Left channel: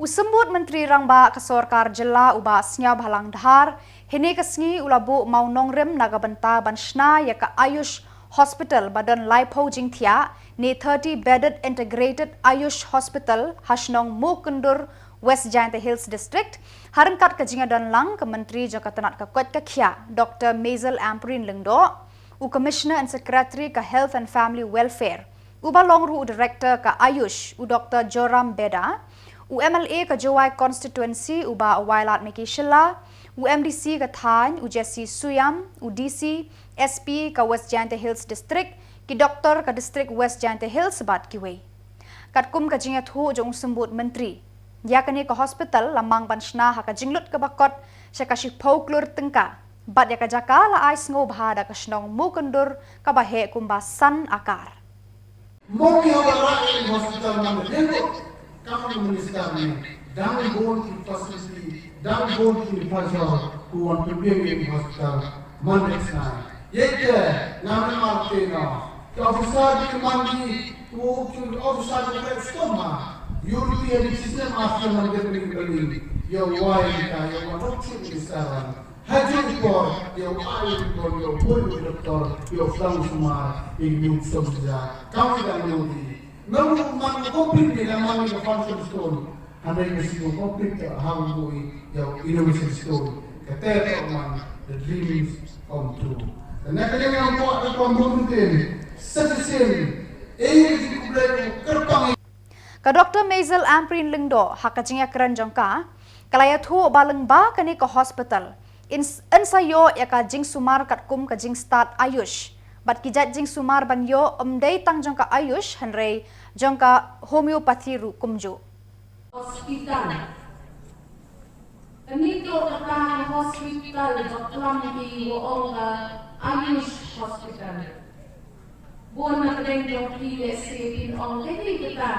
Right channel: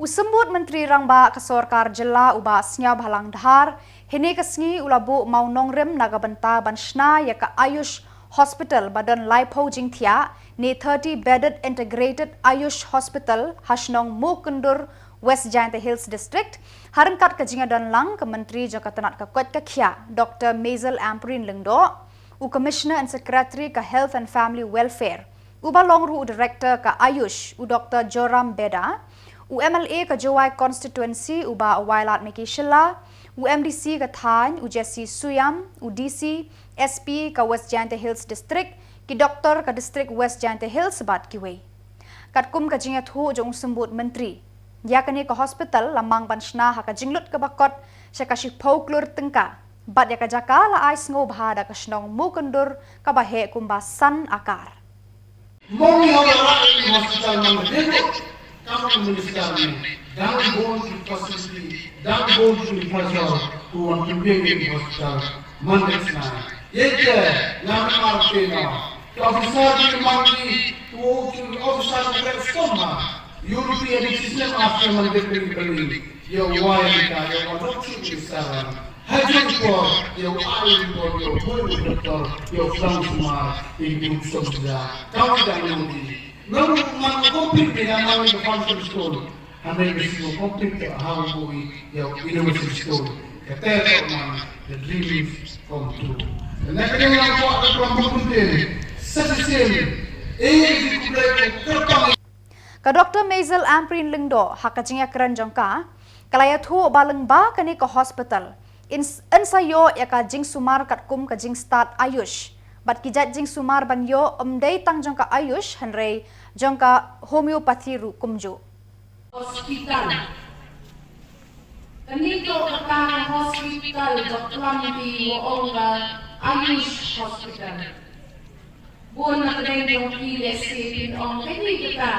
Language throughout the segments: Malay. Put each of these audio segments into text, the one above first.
Usembut Menteri Rangba Khuborjylla uba Sñiawbhalang Dhar, hene kesngi ulabu mau Nongrim nagabenta ban Shna ya ka Ayush Hospital badan Laipo Jingthia ni 30-bedded integrated Ayush Hospital Hashnong Mookyndur West Giant Hills District harengkat ke jingadan lang ke Menteri Jakatanat Kakwat Kakhia Dr. Mezel Amprin Lengdo u Commissioner and Secretary ke Health and Family Welfare uba longru Director ke Ayush u Dr. Joram Beda u MLA ke Jowai Constituency uba Wailat Meghalaya u MDC ke Than u Jesse Suyam u DC SP ke West Giant Hills District ki Doktor ke District West Giant Hills bat kiwe katkum ke jingat hu jong sembut menteri ya kini ke hospital lamang ban Shna ha ke jinglut ke bakot syakashik pauklur tengka bat ya ke jaka la ais ngobha da ke Shnong Mookyndur ke bahe kumbasan akar Ka Dr. Mezel Amprin Lengdo hakajingya keran jongka kalaya thu baleng ba kani ke hospital ensayo ya ka jing sumar katkum ka jing start Ayush bat kijat jing sumar ban yo omdei tang jongka Ayush hanrei jongka homeopathy ru kumjo hospital kani to ka hospital doklan di onga Ayush hospital buon na kadai dong pile sepin ong kadi kita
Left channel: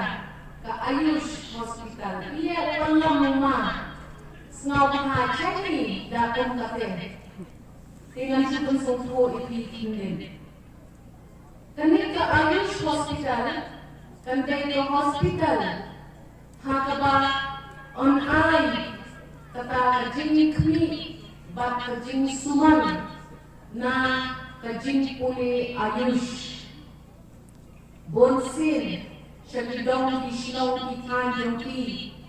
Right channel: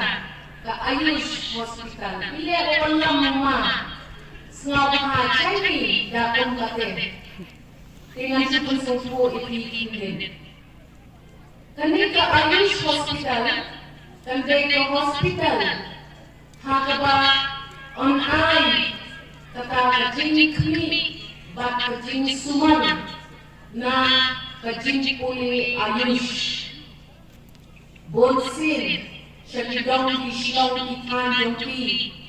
ka Ayush hospital ile orang mama Sñiawbhalang cai da kong kate dengan sipun sempo ipikin kani ka Ayush hospital kandai ka hospital hakaba on ai kata kajing kmi bat kajing suman na kajing puli Ayush bonsin Shillong di Shillong di Kandung pi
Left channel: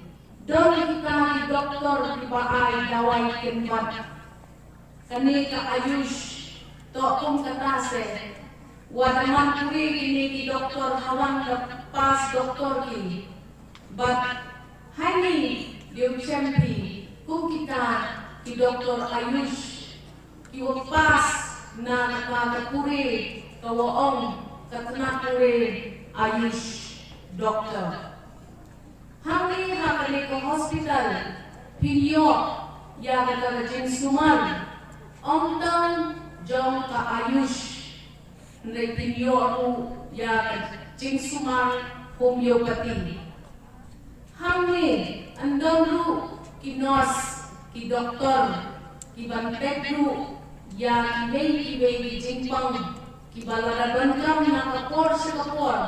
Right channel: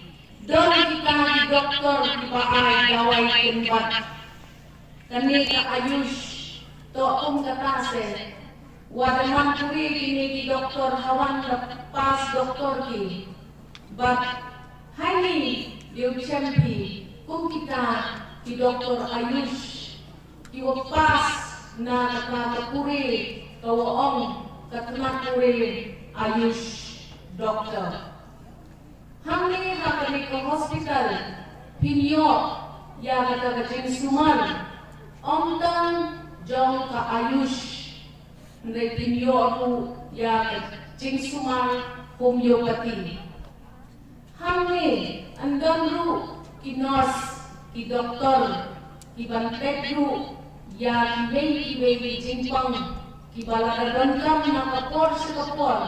don kita di doktor di baai dawai tempat kani ka Ayush to kong katase wadaman puri kini di doktor hawan pas doktor ki but hani dia champi kung kita di doktor Ayush ki pas na puri kawaong katna puri Ayush doktor Hamni hakani ke hospital pinyo ya kata jeng suman omdang jong ka Ayush ndai pinyo aku ya jeng suman homeopathy Hamni andang ru ki nurse ki doktor ki bantek ru ya ki mei jeng pang ki balada bangkam na kapor sa kapor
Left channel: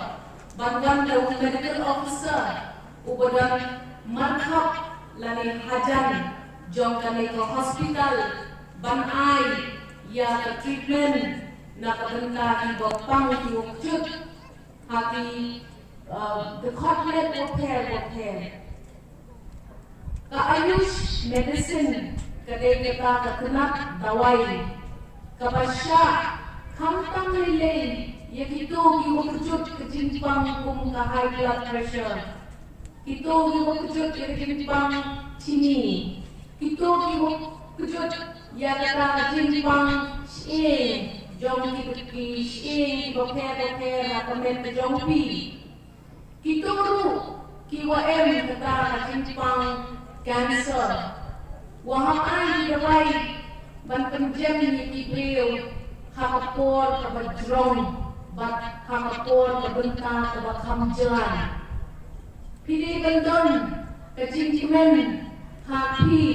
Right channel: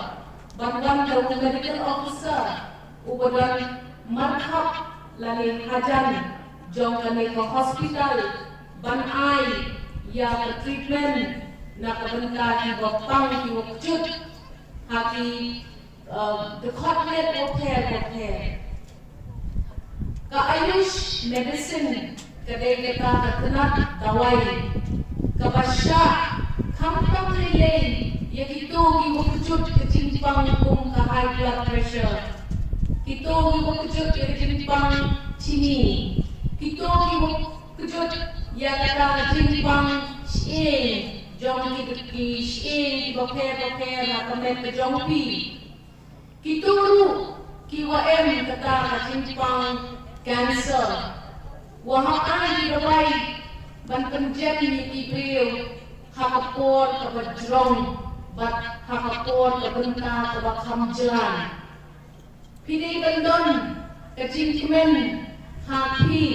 banwan daw medical officer ubadan marhab lalin hajan jong kami ke hospital ban ai ya ke treatment na kabenta ki bopang ki wukchut haki the hotlet repair ka Ayush medicine kadai kita katenat dawai ka basya kampang nilay yakito ki wukchut kejimpang kung ka high blood pressure Kito giwakujud jimpang chini. Kito giwakujud ya kata jimpang shie. Jong ki shie boker hatamet jong pi. Kito ru ki wa kata jimpang cancer. Wahang ai dawai ban penjen ni brio hakapor kabajrong bat hakapor kabenta kabakamjan. Pini bandon kejingkimen hati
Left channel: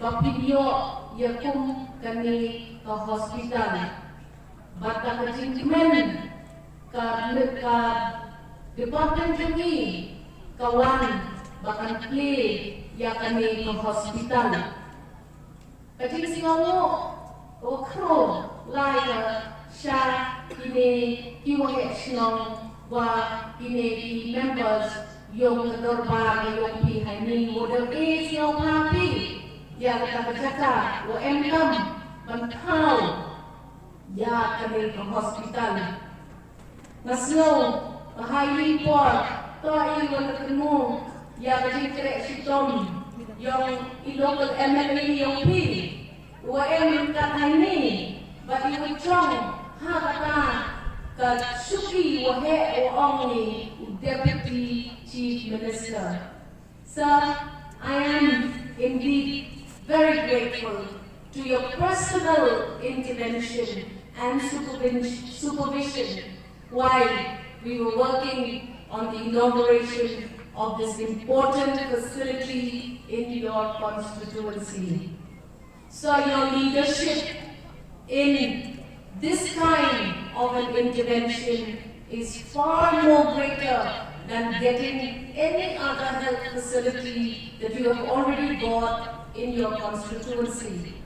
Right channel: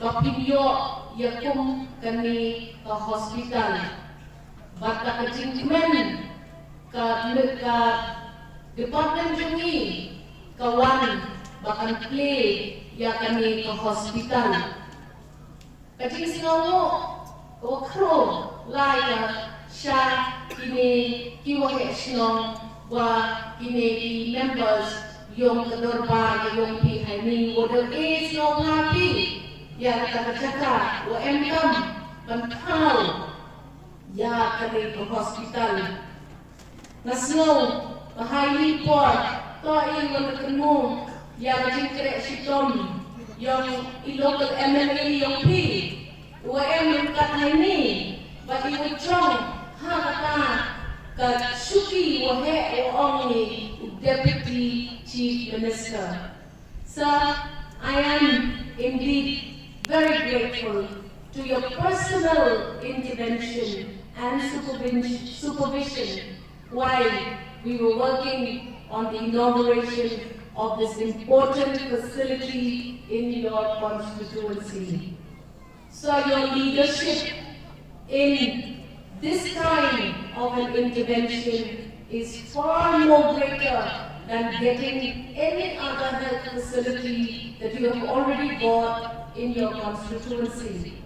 bapinyo yakum kani ke hospital bata kejingkimen ka department jungi kawan bahkan play ya kami ke hospital. Kecil singamu okro lai ke Shna ini kiwahe Shillong wa ini di members yang kedorbar yang pi ini model A Sñiawbhalang pi ya kata cakap wa emkam mentau ya kami ke hospital. Nasno bahaya por to iwan ketemu ya kecil kerek sitom yang local MLA yang pi UM kat ini bagi ucong ha kata kat syuki wahe ong ni Deputy Chief Minister. So I am indeed very grateful to your personal intervention and supervision while we were working on the inauguration of this important facility in your constituency. So your leadership in this kind of an intervention is far more greater than getting any other health facility that you have already bought in your constituency.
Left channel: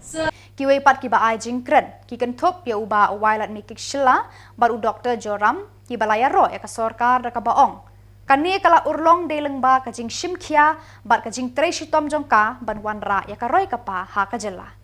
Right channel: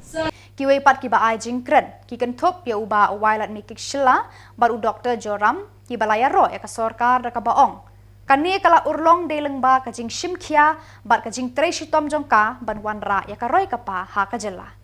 So Kiway pat kiba ay jingkren, kikentop ya uba wailat mikik Shilla, baru Dr. Joram, kibalaya ro ya kasorkar da kabaong. Kani kala urlong de lengba kajing shimkia, bat kajing tre shitom jongka, ban wanra ya karoy kapa ha kajela.